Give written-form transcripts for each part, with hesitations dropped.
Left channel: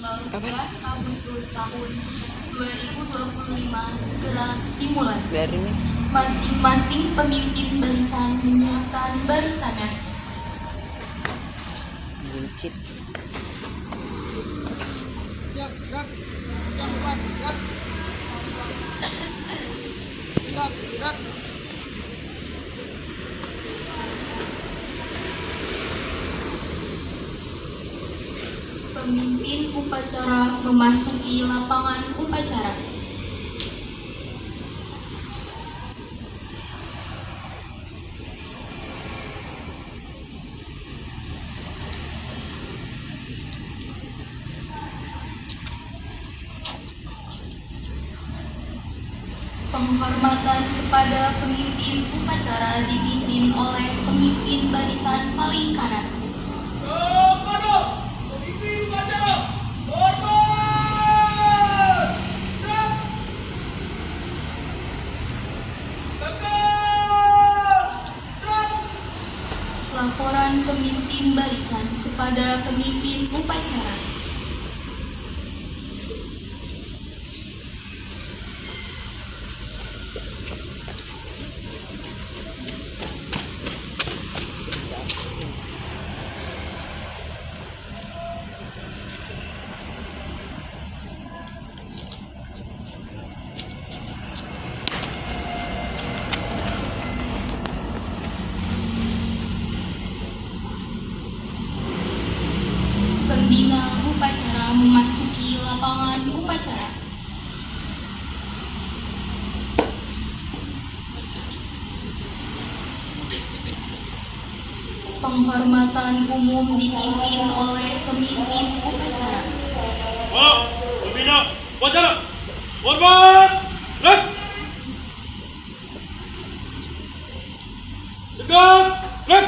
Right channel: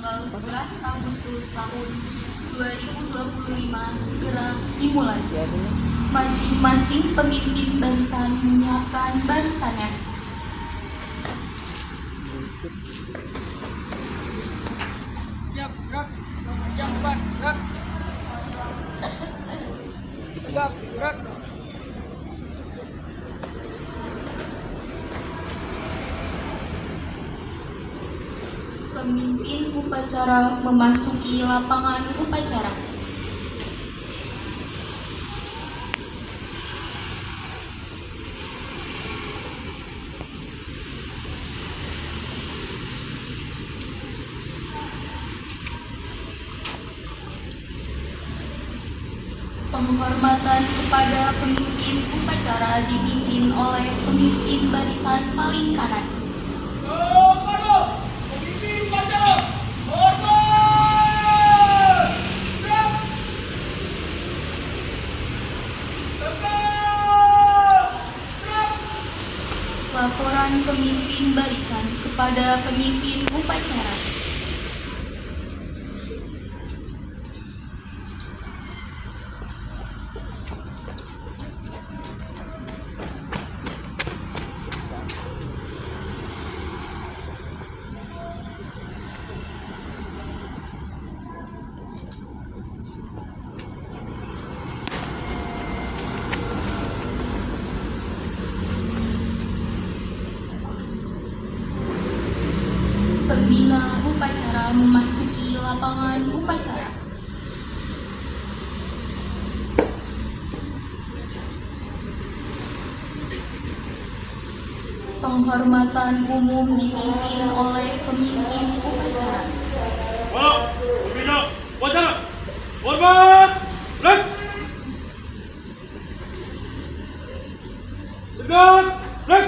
tanggal 11 Agustus tahun 2025 segera dimulai. Masing-masing pemimpin barisan menyiapkan barisannya. Siap, gerak. Yang depan, gerak. Tegap, gerak. Pemimpin upacara memasuki lapangan upacara. Penghormatan kepada pemimpin upacara dipimpin oleh pemimpin barisan paling kanan. Laporan pemimpin barisan kepada pemimpin upacara. Pembina upacara memasuki lapangan upacara. Penghormatan umum dipimpin oleh pemimpin upacara. Pembina upacara, hormat, gerak. Tegap, gerak.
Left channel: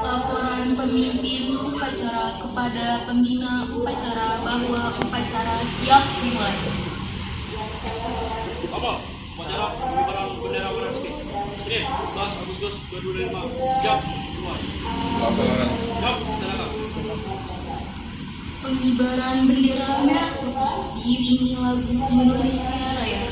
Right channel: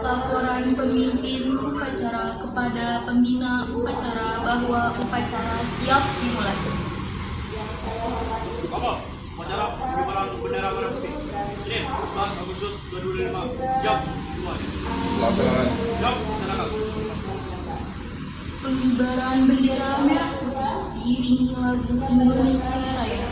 Laporan pemimpin upacara kepada pembina upacara bahwa upacara siap dimulai. Apa? Upacara pengibaran bendera merah putih. Senin, 11 Agustus 2025. Siap semua. Laksanakan. Siap, laksanakan. Pengibaran bendera merah putih diiringi lagu Indonesia Raya.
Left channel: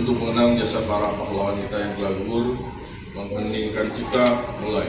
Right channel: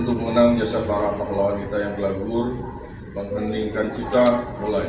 untuk mengenang jasa para pahlawan kita yang telah gugur, mengheningkan cipta, mulai.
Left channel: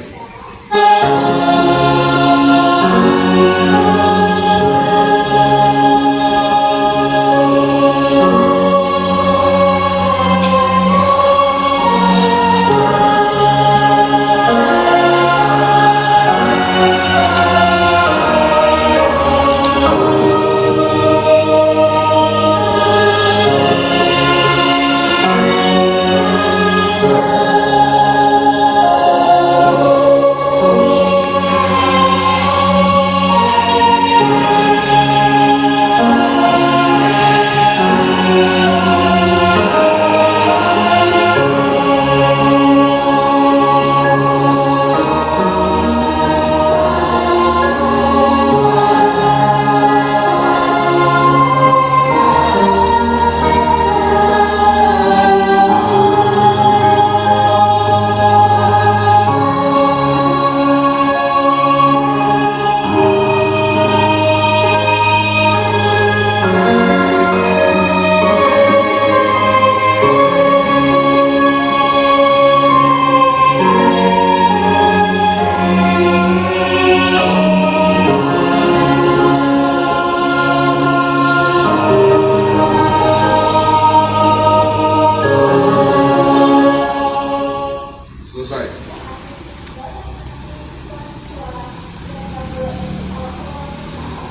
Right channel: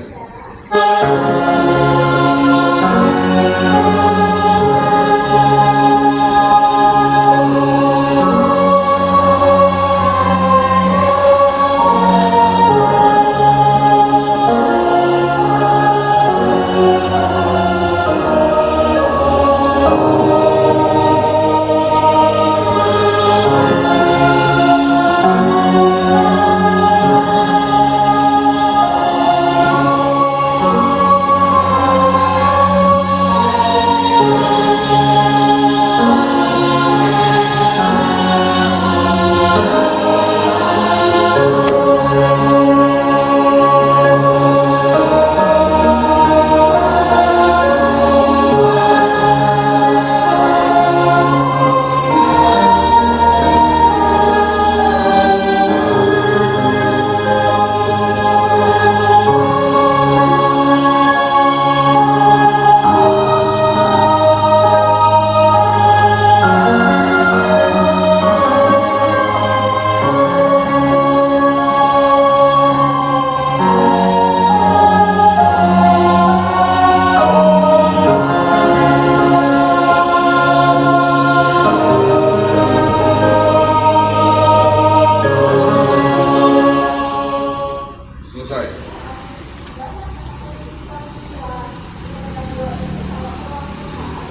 Selesai.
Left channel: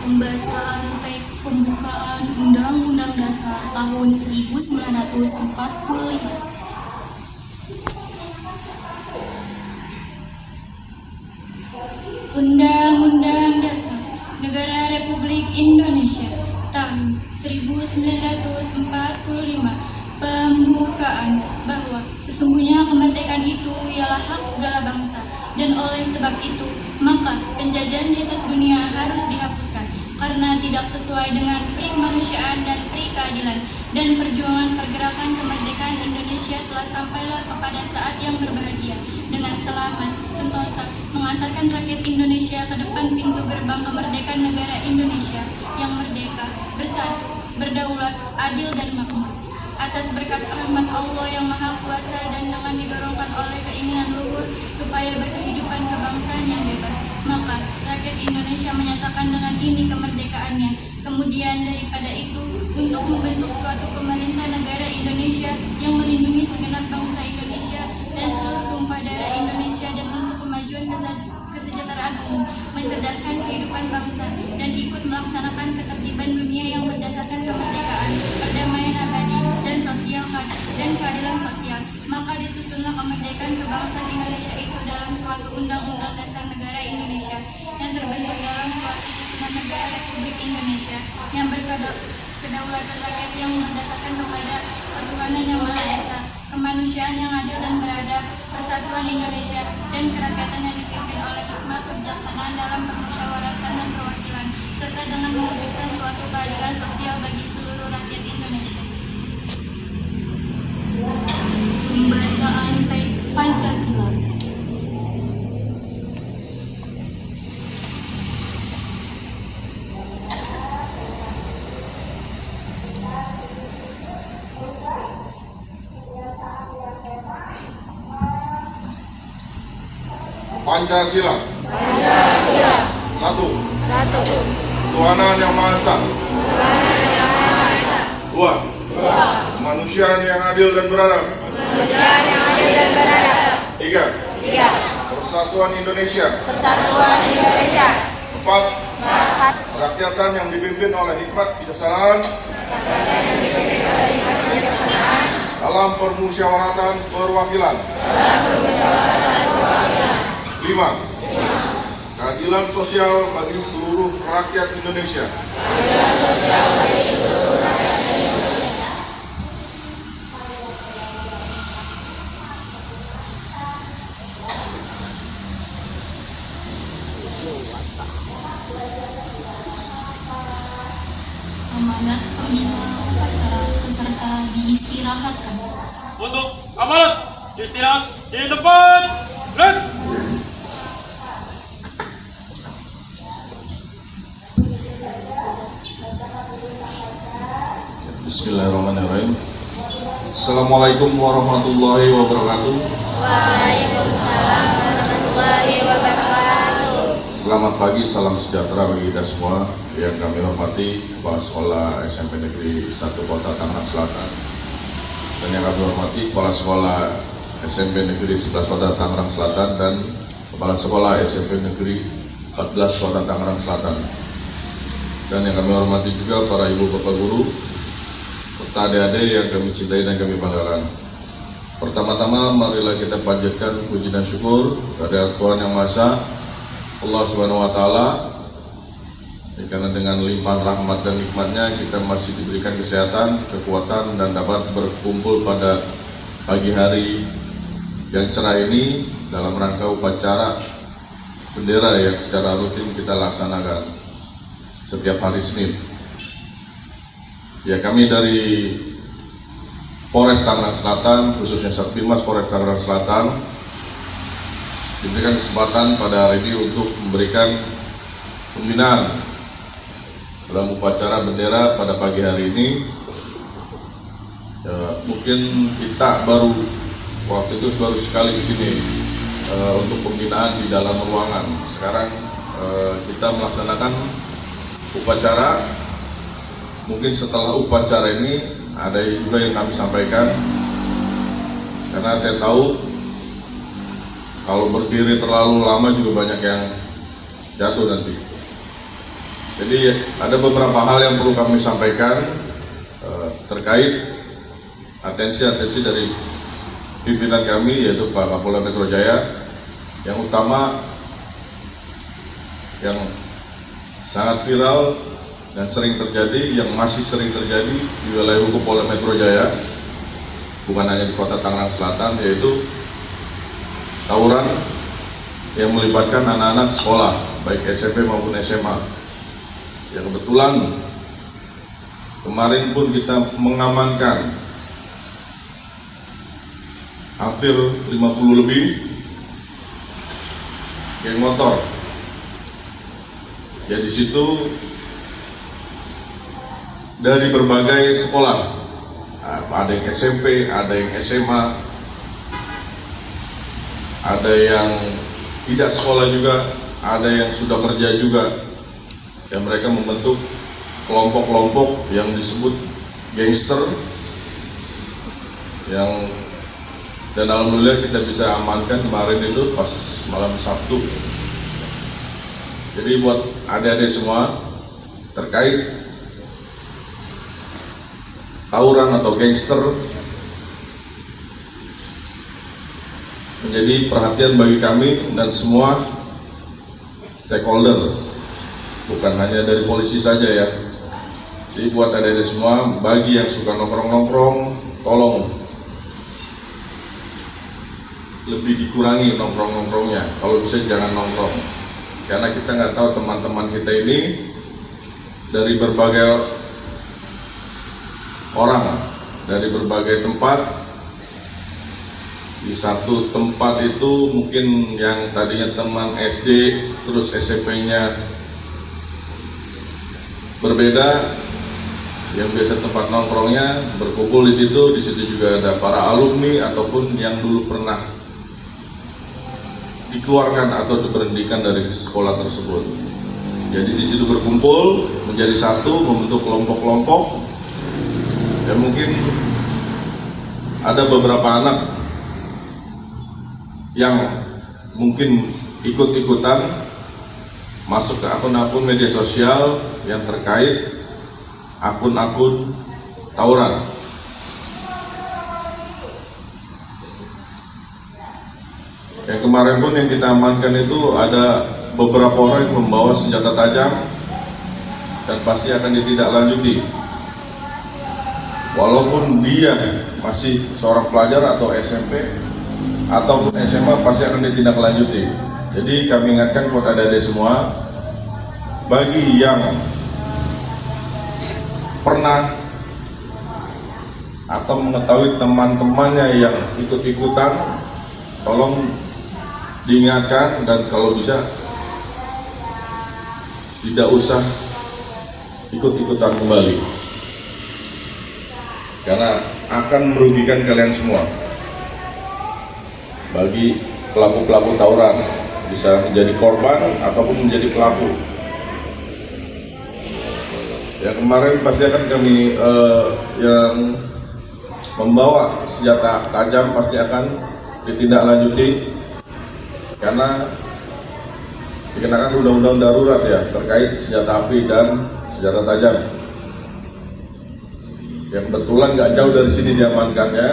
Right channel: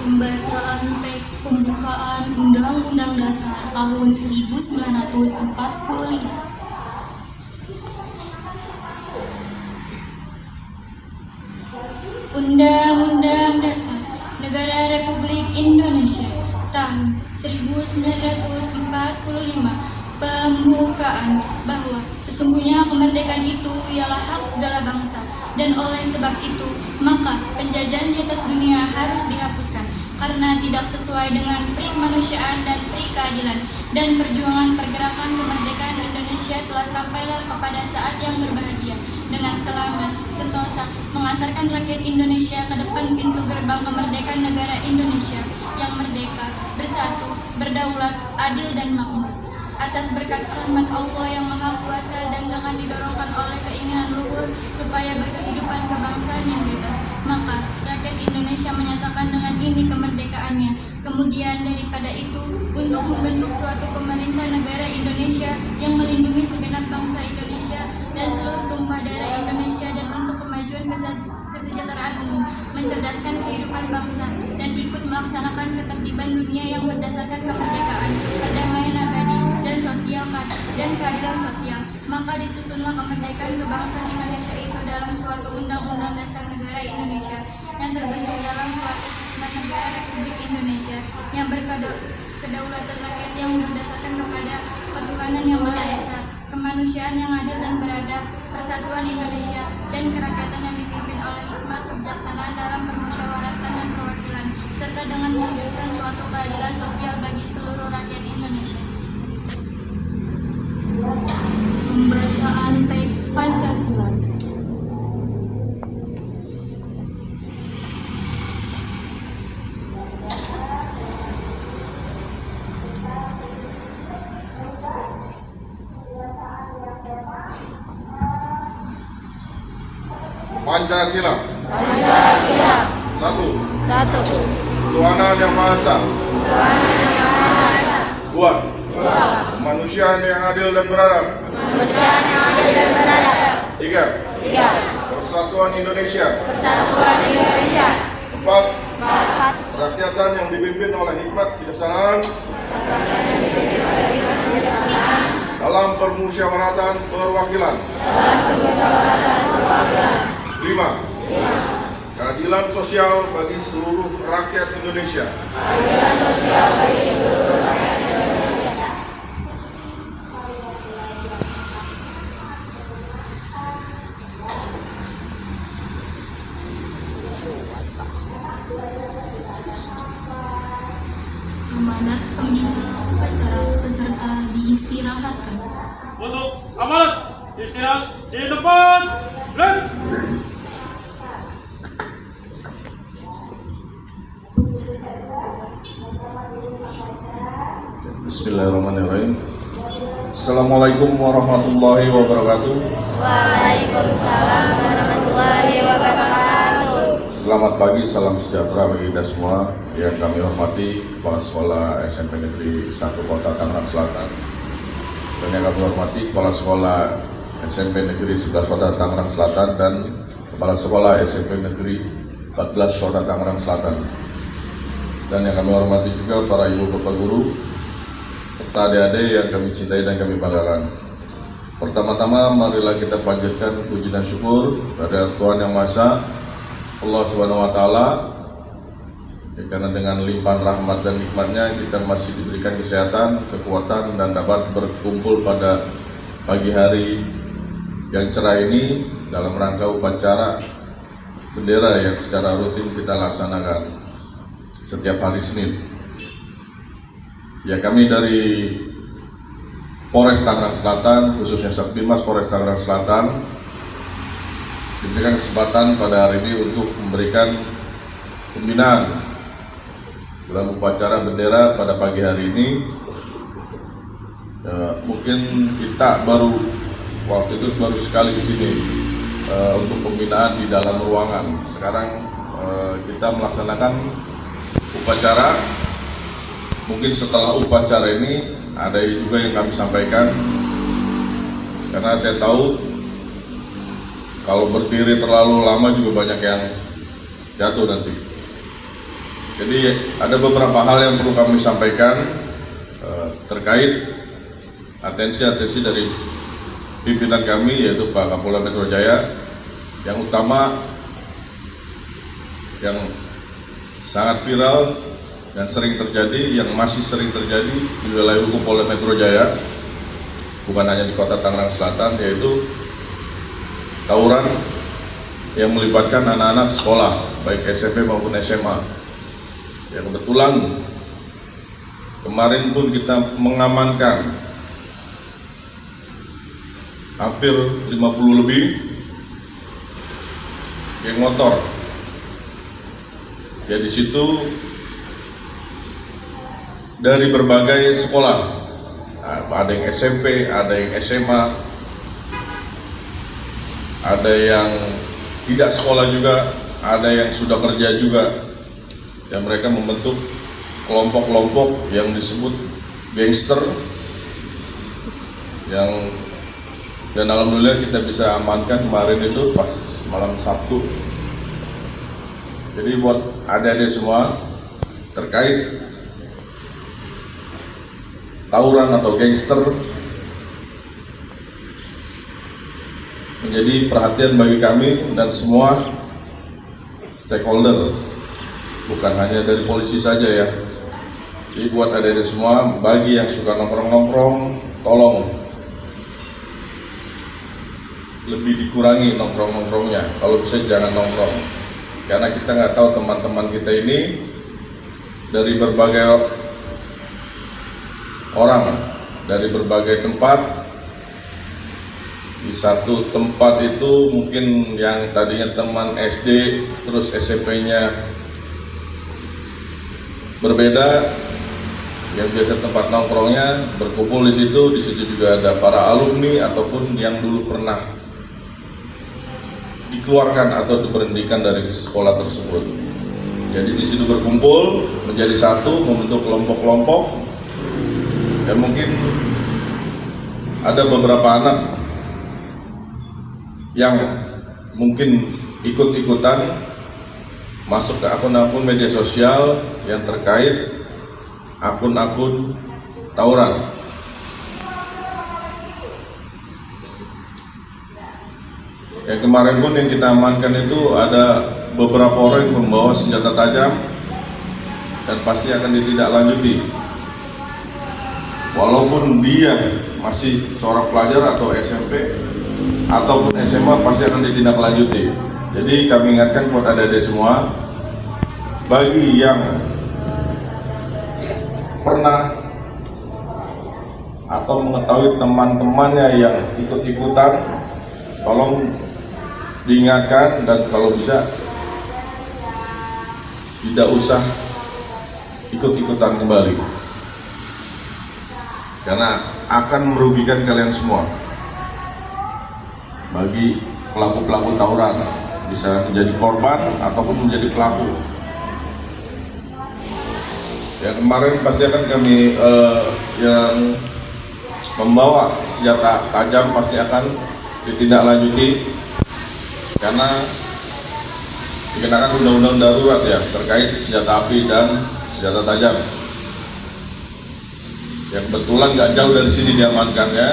Pembacaan teks pembukaan Undang-Undang Dasar tahun 1945. Undang-Undang Dasar Negara Republik Indonesia tahun 1945. Pembukaan bahwa sesungguhnya kemerdekaan itu ialah hak segala bangsa, dan oleh sebab itu maka penjajahan di atas dunia harus dihapuskan karena tidak sesuai dengan pri kemanusiaan dan pri keadilan, dan perjuangan pergerakan kemerdekaan Indonesia telah sampailah kepada saat yang berbahagia dengan selamat sentosa mengantarkan rakyat Indonesia ke depan pintu gerbang kemerdekaan negara Indonesia yang merdeka, bersatu, berdaulat, adil dan makmur. Atas berkat rahmat Allah yang Maha Kuasa dan dengan didorongkan oleh keinginan luhur supaya berkehidupan kebangsaan yang bebas, maka rakyat Indonesia menyatakan dengan ini kemerdekaannya. Kemudian daripada itu, untuk membentuk suatu pemerintah negara Indonesia yang melindungi segenap bangsa Indonesia dan seluruh tumpah darah Indonesia, dan untuk kemajuan kesejahteraan umum, mencerdaskan kehidupan bangsa, dan ikut melaksanakan ketertiban dunia yang berdasarkan kemerdekaan, perdamaian abadi, dan sosial dan keadilan sosial. Maka disusunlah kemerdekaan kebangsaan Indonesia itu dalam suatu Undang-Undang Dasar Negara Indonesia yang terbentuk dalam suatu susunan negara Republik Indonesia yang berkedaulatan rakyat yang berdasarkan kepada ketuhanan yang Maha Esa, kemanusiaan yang adil dan beradab, persatuan Indonesia, dan kerakyatan yang dipimpin oleh hikmat kebijaksanaan dalam permusyawaratan dan perwakilan, serta dengan mewujudkan suatu keadilan sosial bagi seluruh rakyat Indonesia. Pembacaan teks Pancasila. Pancasila. Satu. Satu. Ketuhanan yang Maha Esa. Dua. Kemanusiaan yang adil dan beradab. Tiga. Persatuan Indonesia. Empat. Kerakyatan yang dipimpin oleh hikmat kebijaksanaan dalam permusyawaratan perwakilan. Lima. Keadilan sosial bagi seluruh rakyat Indonesia. Amanat pembina upacara peserta diistirahatkan. Untuk amanat istirahat di tempat. Bismillahirrahmanirrahim. Assalamualaikum warahmatullahi wabarakatuh. Waalaikumsalam warahmatullahi wabarakatuh. Selamat pagi, salam sejahtera bagi kita semua. Yang kami hormati Kepala Sekolah SMP Negeri 1 Kota Tangerang Selatan, dan yang kami hormati Kepala Sekolah SMP Negeri 11 Kota Tangerang Selatan dan Kepala Sekolah SMP Negeri 14 Kota Tangerang Selatan, dan yang kami hormati juga para ibu bapak guru serta adik-adik yang kami cintai dan kami banggakan. Pertama-tama marilah kita panjatkan puji dan syukur kepada Tuhan Yang Maha Esa, Allah Subhanahu wa Ta'ala, karena dengan limpahan rahmat dan nikmatnya kita masih diberikan kesehatan, kekuatan, dan dapat berkumpul pada pagi hari yang cerah ini dalam rangka upacara bendera yang secara rutin kita laksanakan setiap hari Senin. Ya, kami dari Polres Tangerang Selatan, khususnya Satbimas Polres Tangerang Selatan, diberikan kesempatan pada hari ini untuk memberikan pembinaan dalam upacara bendera pada pagi hari ini. Ya, mungkin kita waktu itu baru sekali di sini untuk pembinaan di dalam ruangan. Sekarang kita melaksanakan upacara. Mungkin setelah upacara ini ada juga yang kami sampaikan, karena saya tahu kalau berdiri terlalu lama juga banyak yang jatuh nanti. Jadi ada beberapa hal yang perlu kami sampaikan terkait atensi dari pimpinan kami, yaitu Pak Kapolda Metro Jaya. Yang utama yang sangat viral dan sering terjadi, yang masih sering terjadi di wilayah hukum Polda Metro Jaya, bukan hanya di Kota Tangerang Selatan, yaitu tawuran yang melibatkan anak-anak sekolah, baik SMP maupun SMA. Ya, kebetulan kemarin pun kita mengamankan hampir 50 lebih geng motor. Ya, di situ dari berbagai sekolah, ada yang SMP, ada yang SMA, ada yang tidak sekolah juga, ada yang sudah kerja juga, dan mereka membentuk kelompok-kelompok yang disebut gangster, dan alhamdulillah kita bisa amankan kemarin itu pas malam Sabtu. Jadi buat adik-adik semua terkait tawuran atau gangster, menjadi perhatian bagi kami dan semua stakeholder, bukan hanya dari polisi saja ya. Jadi buat adik-adik semua, bagi yang suka nongkrong-nongkrong, tolong lebih dikurangi nongkrong-nongkrongnya. Kalau bisa jangan nongkrong, karena kita nggak tahu teman-teman kita ini dari berbagai orang, dari berbagai tempat. Di satu tempat itu mungkin yang tadinya teman SD terus SMP-nya berbeda, yang biasa tempat nongkrongnya berkumpul di situ juga ada para alumni ataupun yang dulu pernah dikeluarkan atau diberhentikan dari sekolah tersebut. Jadi di situ berkumpul menjadi satu, membentuk kelompok-kelompok. Dan mungkin ada beberapa anak yang mungkin ikut-ikutan masuk ke akun-akun media sosial yang terkait akun-akun tawuran. Yang kemarin pun yang kita amankan itu ada beberapa orang yang membawa senjata tajam dan pasti akan ditindaklanjuti. Walaupun dia masih seorang pelajar atau SMP ataupun SMA, pasti akan ditindaklanjuti. Jadi kami ingatkan buat adik-adik semua, bagi yang pernah atau mengetahui teman-temannya yang ikut-ikutan, tolong diingatkan, dan kalau bisa tidak usah ikut-ikutan kembali. karena akan merugikan kalian semua. Bagi pelaku-pelaku tawuran, bisa menjadi korban ataupun menjadi pelaku. Yang kemarin pasti akan kami yang membawa senjata tajam pasti akan ditindaklanjuti karena dikenakan undang-undang darurat ya terkait senjata api dan senjata tajam. Ya kebetulan nggak jauh dari sini diamankannya.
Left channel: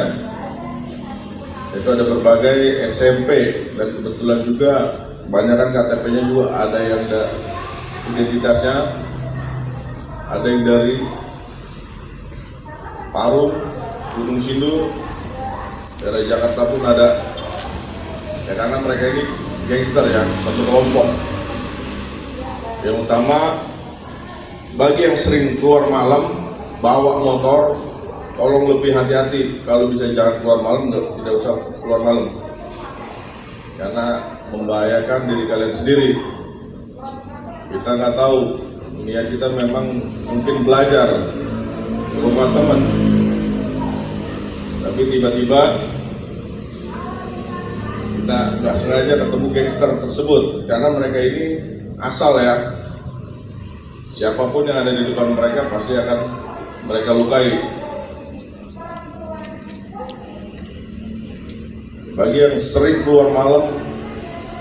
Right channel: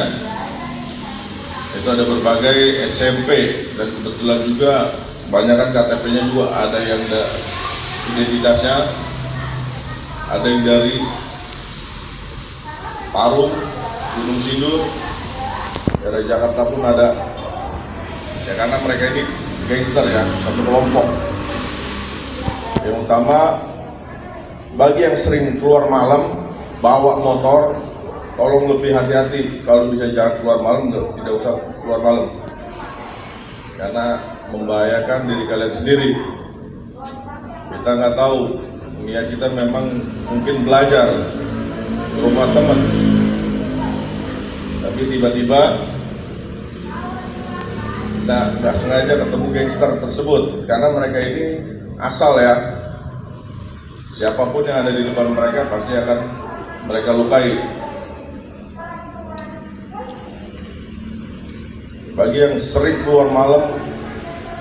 Itu ada berbagai SMP dan kebetulan juga kebanyakan KTP-nya juga ada yang identitasnya, ada yang dari Parung, Gunung Sindur, dari Jakarta pun ada. Ya karena mereka ini gangster ya, satu kelompok. Yang utama bagi yang sering keluar malam bawa motor, tolong lebih hati-hati. Kalau bisa jangan keluar malam, tidak usah keluar malam karena membahayakan diri kalian sendiri. Kita nggak tahu, niat kita memang mungkin belajar ke rumah teman, tapi tiba-tiba kita nggak sengaja ketemu gangster tersebut karena mereka ini asal ya, siapapun yang ada di depan mereka pasti akan mereka lukai. Bagi yang sering keluar malam,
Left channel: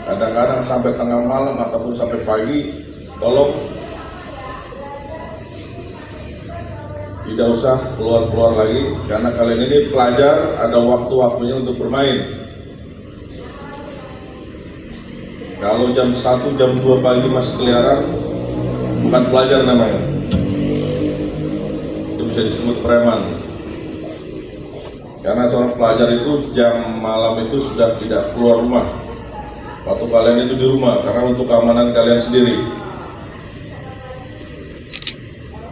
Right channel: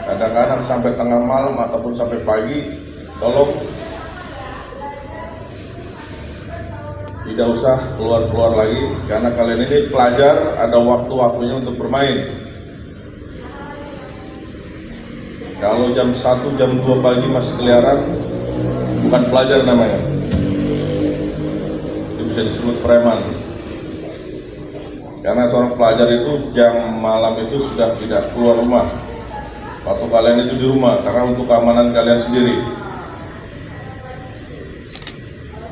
kadang-kadang sampai tengah malam ataupun sampai pagi, tolong tidak usah keluar-keluar lagi karena kalian ini pelajar, ada waktu-waktunya untuk bermain. Kalau jam 1, jam 2 pagi masih keliaran, bukan pelajar namanya. Itu bisa disebut preman. Karena seorang pelajar itu jam malam itu sudah tidak keluar rumah. Waktu kalian itu di rumah karena untuk keamanan kalian sendiri.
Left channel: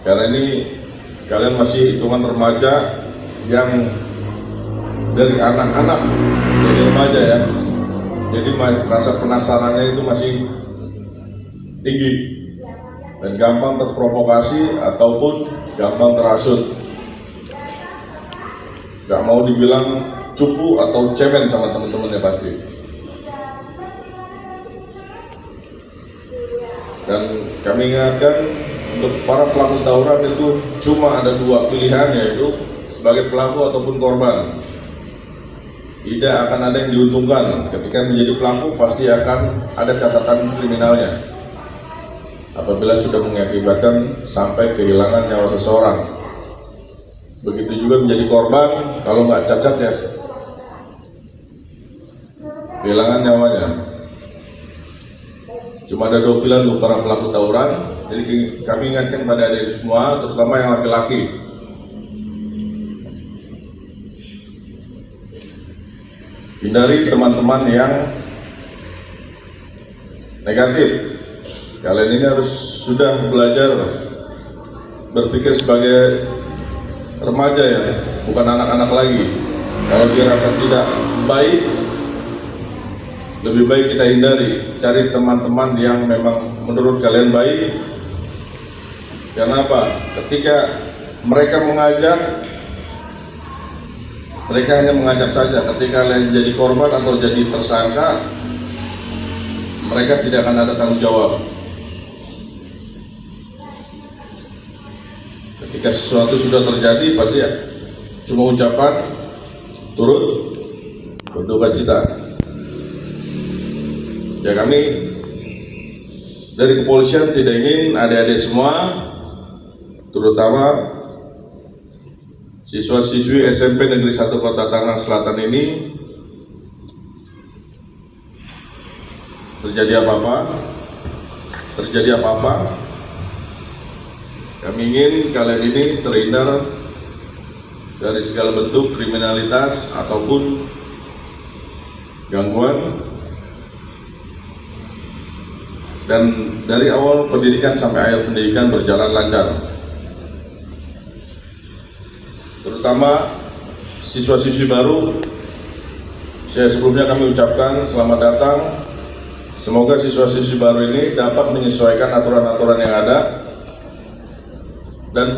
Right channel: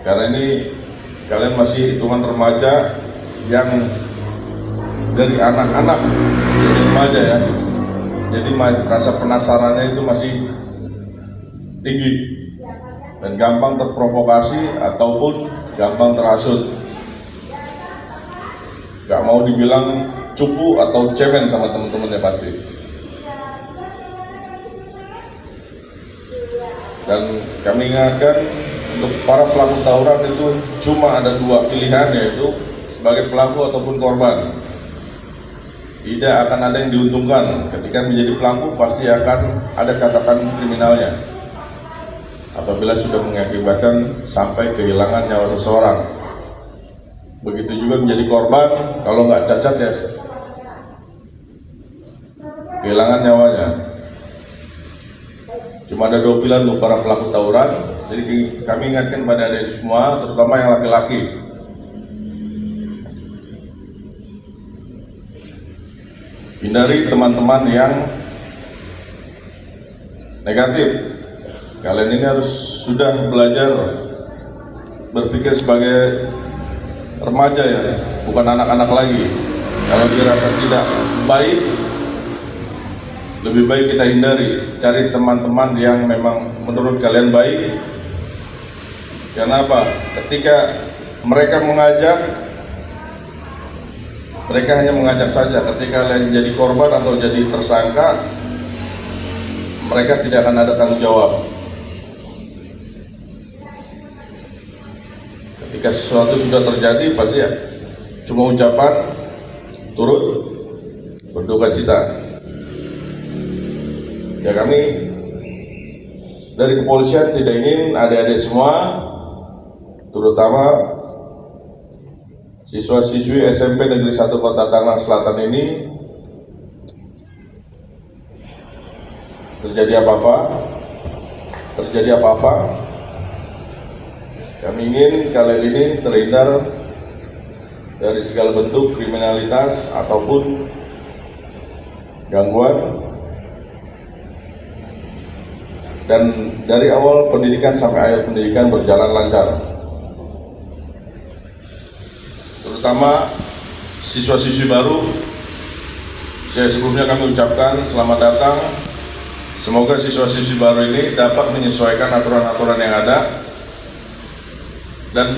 Karena ini kalian masih hitungan remaja yang dari anak-anak jadi remaja ya. Jadi rasa penasarannya itu masih tinggi dan gampang terprovokasi ataupun gampang terhasut. Gak mau dibilang cupu atau cemen sama teman-temannya pasti. Dan kami ingatkan untuk para pelaku tawuran itu cuma ada 2 pilihan, yaitu sebagai pelaku ataupun korban. Tidak akan ada yang diuntungkan. Ketika menjadi pelaku pasti akan ada catatan kriminalnya apabila sudah mengakibatkan sampai kehilangan nyawa seseorang. Begitu juga menjadi korban, kalau nggak cacat ya kehilangan nyawanya. Cuma ada 2 pilihan untuk para pelaku tawuran. Jadi kami ingatkan pada adik semua, terutama yang laki-laki, hindari teman-teman yang negatif. Kalian ini harus sudah belajar berpikir sebagai remaja ya, bukan anak-anak lagi. Kalau dirasa tidak baik, lebih baik kita hindari. Cari teman-teman yang memang menurut kalian baik. Kenapa? Ketika mereka mengajak, mereka hanya mengajak saja. Ketika kalian jadi korban atau jadi tersangka, mereka tidak akan ada tanggung jawab. Ketika sesuatu sudah terjadi pasti ya cuma ucapan turut berduka cita. Ya kami dari kepolisian tidak ingin adik-adik semua, terutama siswa-siswi SMP Negeri 1 Kota Tangerang Selatan ini terjadi apa-apa. Kami ingin kalian ini terhindar dari segala bentuk kriminalitas ataupun gangguan, dan dari awal pendidikan sampai akhir pendidikan berjalan lancar. Terutama siswa-siswi baru, saya sebelumnya kami ucapkan selamat datang. Semoga siswa-siswi baru ini dapat menyesuaikan aturan-aturan yang ada dan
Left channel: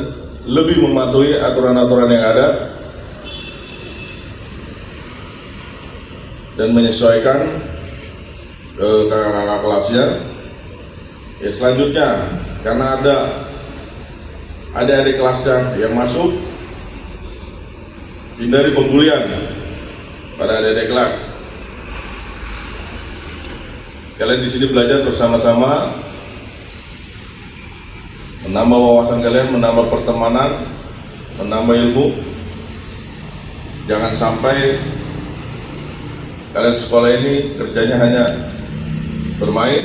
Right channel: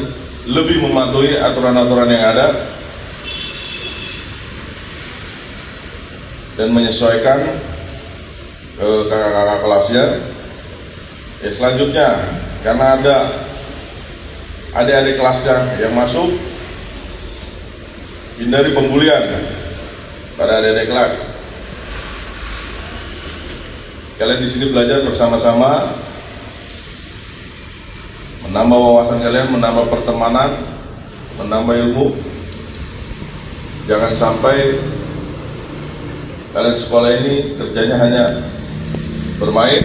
lebih mematuhi aturan-aturan yang ada dan menyesuaikan ke kakak-kakak kelasnya. Selanjutnya, karena ada adik-adik kelasnya yang masuk, hindari pembulian pada adik-adik kelas. Kalian di sini belajar bersama-sama, menambah wawasan kalian, menambah pertemanan, menambah ilmu. Jangan sampai kalian sekolah ini kerjanya hanya bermain,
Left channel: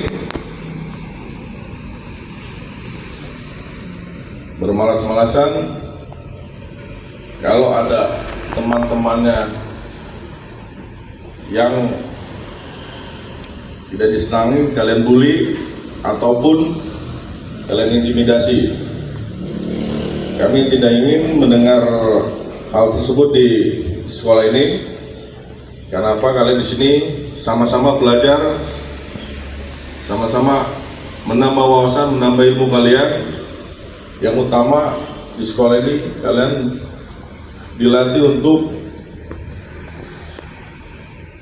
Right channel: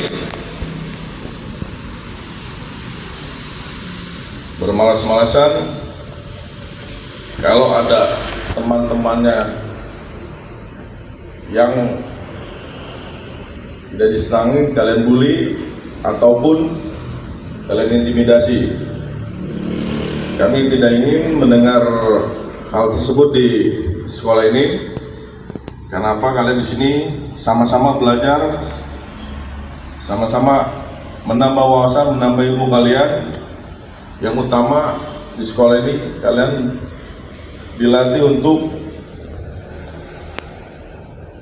bermalas-malasan. Kalau ada teman-temannya yang tidak disenangi, kalian bully ataupun kalian intimidasi. Kami tidak ingin mendengar hal tersebut di sekolah ini. Kenapa? Kalian di sini sama-sama belajar, sama-sama menambah wawasan, menambah ilmu kalian. Yang utama di sekolah ini kalian dilatih untuk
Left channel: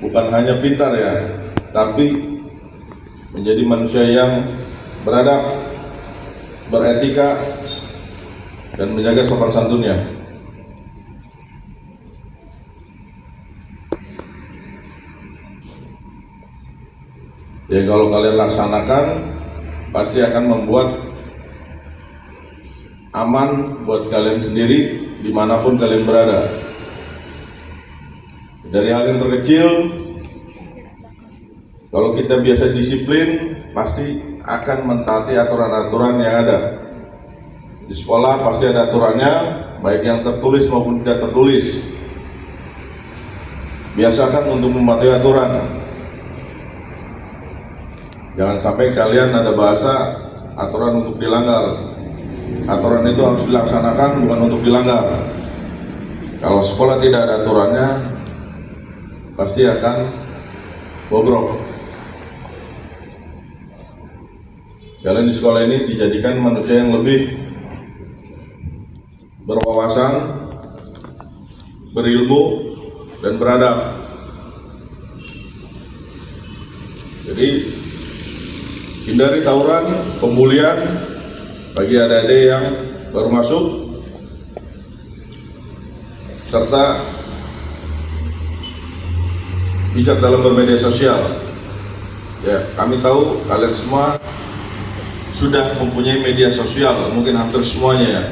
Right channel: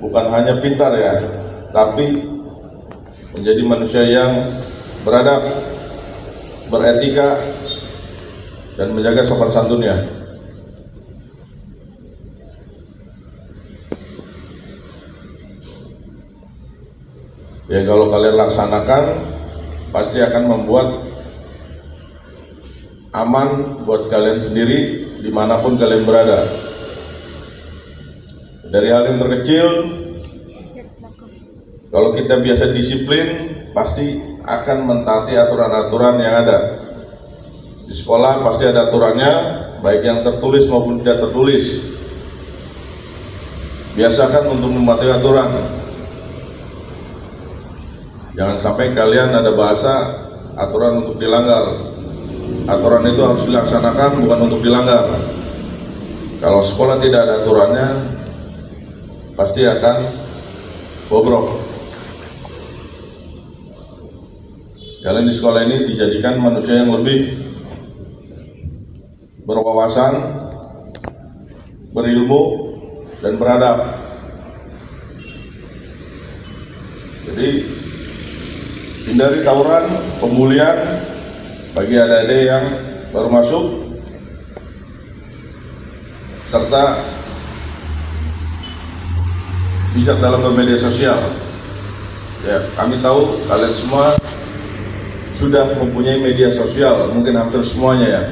bukan hanya pintar ya, tapi menjadi manusia yang beradab, beretika, dan menjaga sopan santunnya. Ya, kalau kalian laksanakan pasti akan membuat aman buat kalian sendiri dimanapun kalian berada. Dari hal yang terkecil, kalau kita biasa disiplin, pasti akan mentaati aturan-aturan yang ada. Di sekolah pasti ada aturannya, baik yang tertulis maupun tidak tertulis. Biasakan untuk mematuhi aturan. Jangan sampai kalian ada bahasa aturan untuk dilanggar. Aturan itu harus dilaksanakan, bukan untuk dilanggar. Kalau sekolah tidak ada aturannya, pasti akan bobrok. Kalian di sekolah ini dijadikan manusia yang lebih berwawasan, berilmu, dan beradab. Jadi hindari tawuran, pembulian bagi adik-adik yang baru masuk, serta bijak dalam bermedia sosial. Ya, kami tahu kalian semua sudah mempunyai media sosial, mungkin hampir semuanya ya,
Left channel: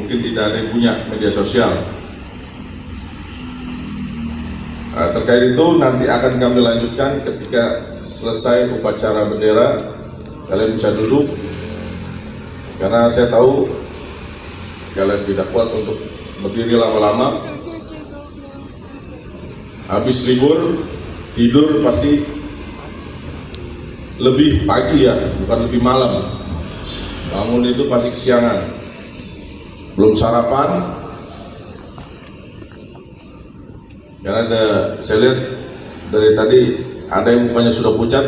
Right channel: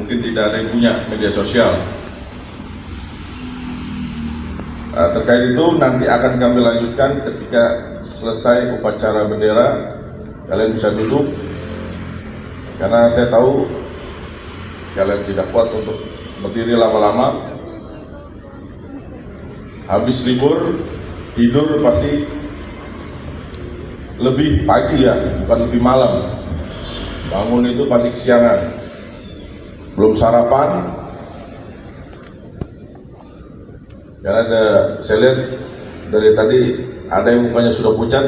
mungkin tidak ada yang punya media sosial. Terkait itu nanti akan kami lanjutkan ketika selesai upacara bendera. Kalian bisa duduk, karena saya tahu kalian tidak kuat untuk berdiri lama-lama. Habis libur, tidur pasti lebih pagi ya, bukan lebih malam. Bangun itu pasti kesiangan, belum sarapan. Karena saya lihat dari tadi ada yang mukanya sudah pucat,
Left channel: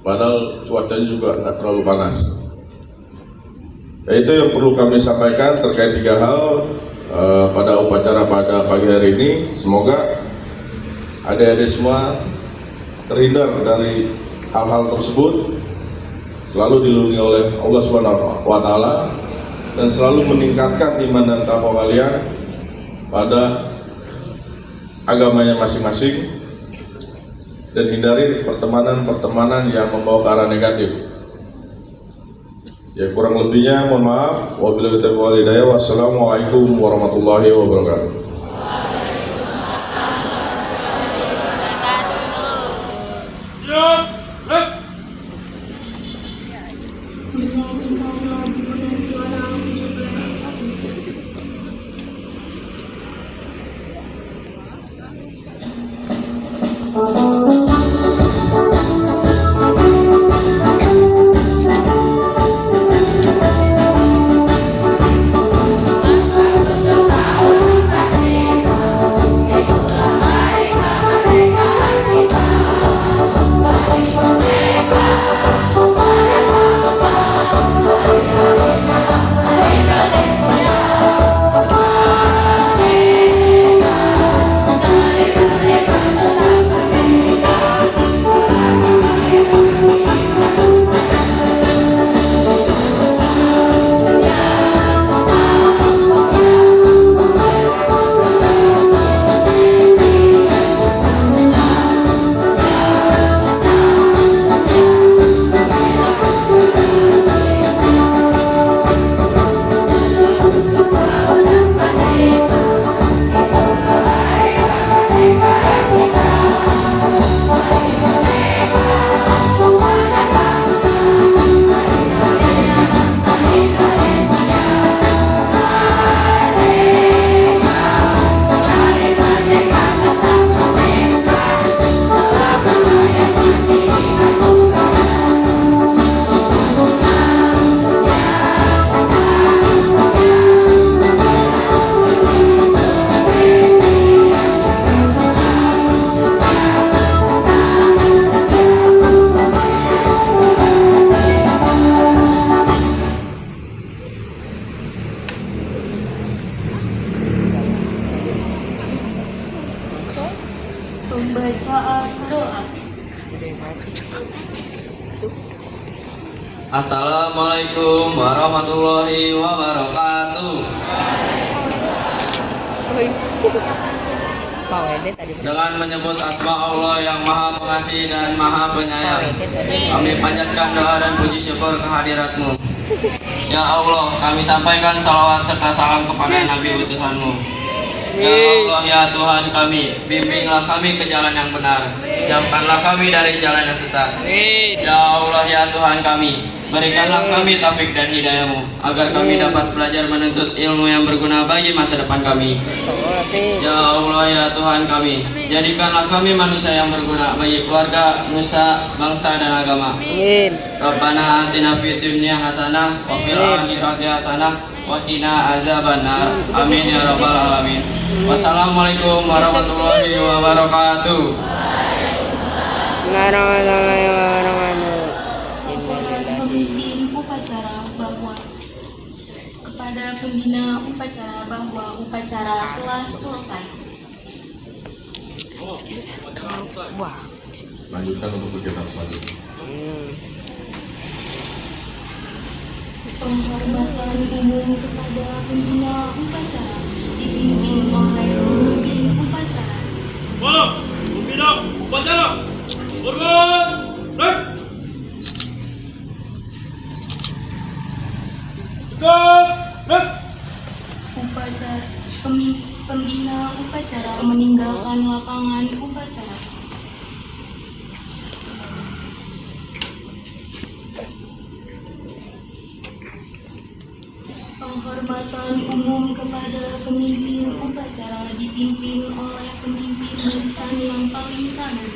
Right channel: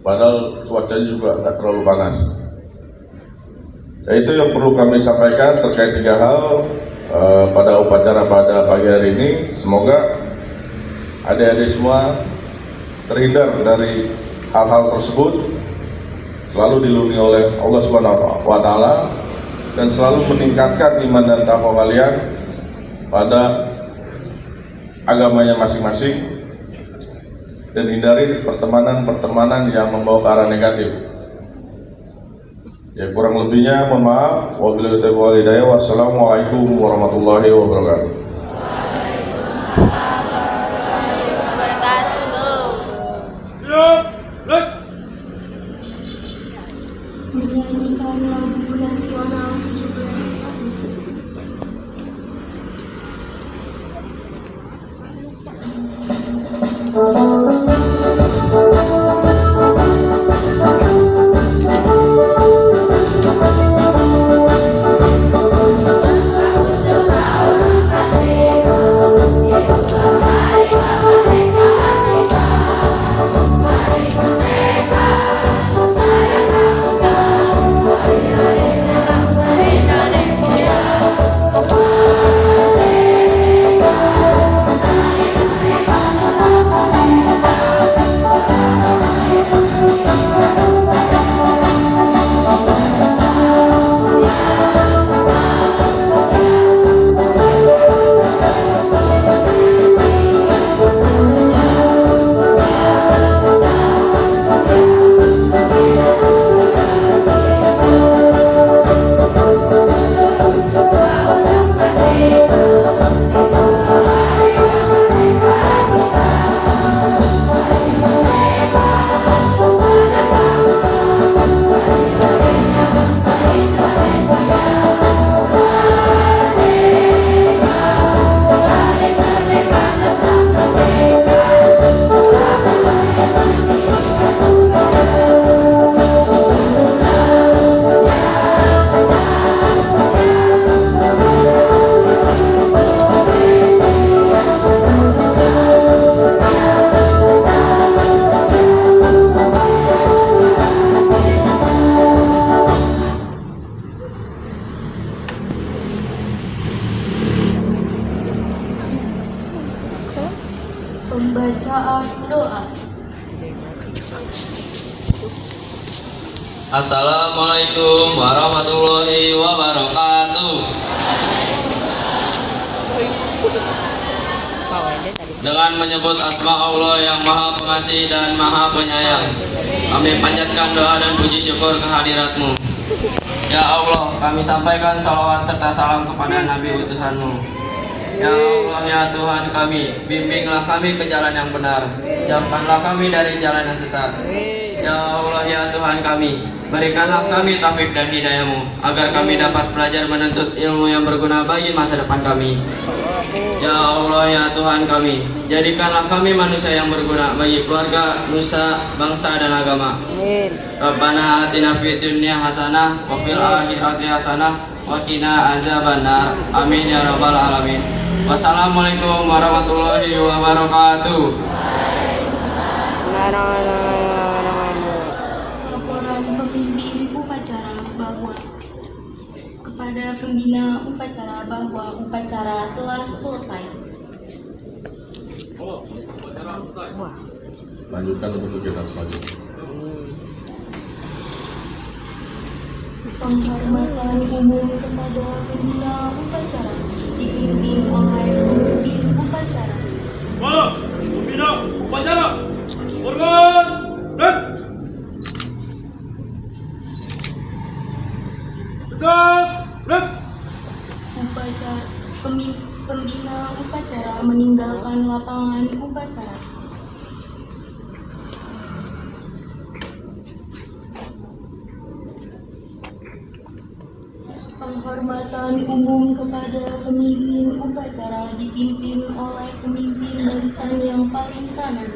padahal cuacanya juga nggak terlalu panas. Itu yang perlu kami sampaikan terkait 3 hal pada upacara pada pagi hari ini. Semoga adik-adik semua terhindar dari hal-hal tersebut, selalu dilindungi oleh Allah Subhanahu wa Ta'ala, dan selalu meningkatkan iman dan takwa kalian pada agamanya masing-masing, dan hindari pertemanan-pertemanan yang membawa ke arah negatif. Ya, kurang lebihnya mohon maaf. Wabillahi taufiq wal hidayah. Wassalamualaikum warahmatullahi wabarakatuh. Menyanyikan lagu nasional 17 Agustus. Bacaan doa. Assalamualaikum warahmatullahi wabarakatuh. Dengan menyebut asma Allah yang maha pengasih dan maha penyayang, kami panjatkan doa dan puji syukur kehadirat-Mu. Ya Allah, kami sampaikan salawat serta salam kepada Nabi utusan-Mu. Ya Allah, ya Tuhan kami, bimbinglah kami ke jalan yang benar, jauhkanlah kami dari jalan yang sesat. Ya Allah, ya Tuhan kami, berikanlah kami taufik dan hidayah-Mu, agar kami dapat belajar menuntut ilmu yang berguna bagi masa depan kami. Ya Allah, ya Tuhan kami, jadikanlah kami manusia yang berguna bagi keluarga, nusa, bangsa, dan agama. Rabbana atina fid dunya hasanah wa fil akhirati hasanah wa qina azabannar. Amin ya rabbal alamin. Wassalamualaikum warahmatullahi wabarakatuh. Laporan pemimpin upacara bahwa kepada pembina upacara bahwa upacara telah selesai. Lanjutkan untuk kegiatan selanjutnya. Penghormatan umum kepada pembina upacara dipimpin oleh pemimpin upacara. Malam, pembina upacara. Hormat. Rek. Tegak. Rek. Upacara pembina upacara meninggalkan lapangan upacara. Penghormatan umum kepada pemimpin upacara dipimpin oleh pemimpin barisan yang paling kanan.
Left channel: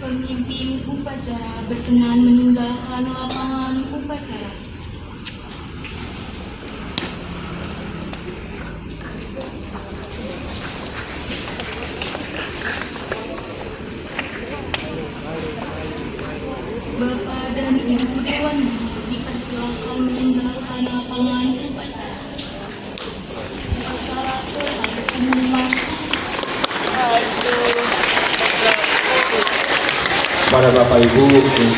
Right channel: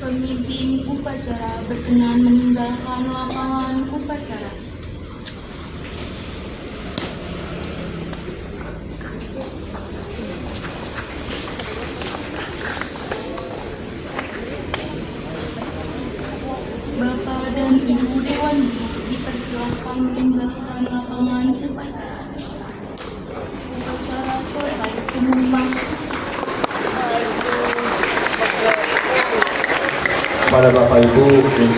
Pemimpin upacara berkenan meninggalkan lapangan upacara. Bapak dan Ibu Dewan Guru dipersilakan meninggalkan lapangan upacara. Upacara selesai. Pengumuman. Kepada Bapak Ibu untuk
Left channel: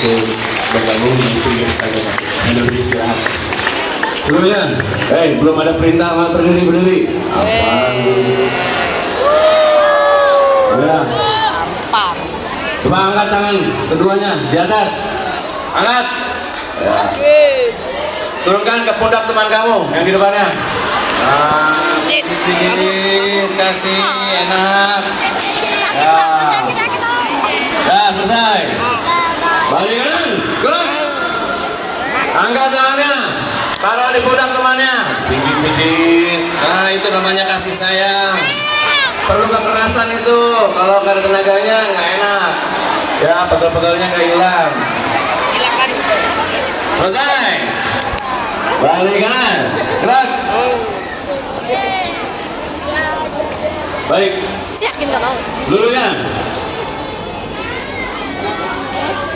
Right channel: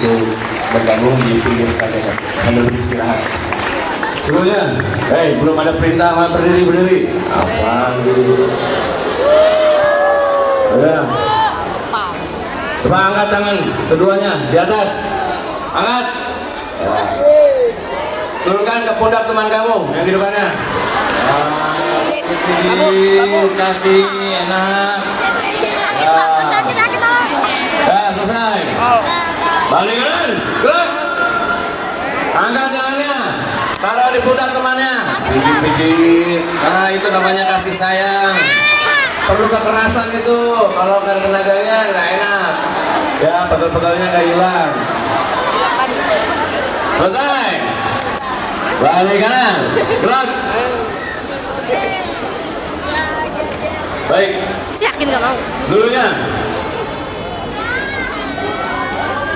bergabung di pinggir saja, Pak. Sambil beristirahat. Semuanya, belum ada perintah malah berdiri. Alhamdulillah. Ya. Coba angkat tangan keduanya di atas. Angkat. Ya. Turunkan ke pundak teman kamu yang di depannya. Kasih enak. Ya, selesai. Balik kanan, gerak. Angkat tangannya. Taruh di pundak temannya. Pijit-pijit. Nah, itu namanya kasih sayang. Perlu kekerasan itu. Kalau nggak ada tenaganya nggak enak. Ya, pegal-pegalnya nggak hilang. Selesai. Balik kanan, gerak. Baik. Yakin gak mau? Seluruhnya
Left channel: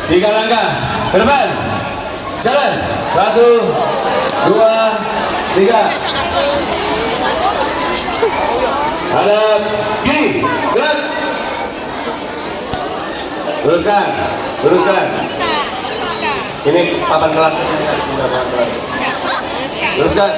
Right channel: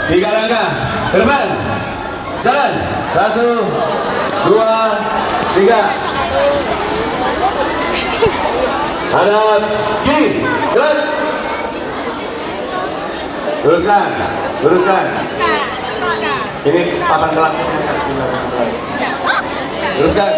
3 langkah ke depan. Jalan. 1, 2, 3. Hadap kiri. Gerak. Luruskan. Ini 18. Luruskan.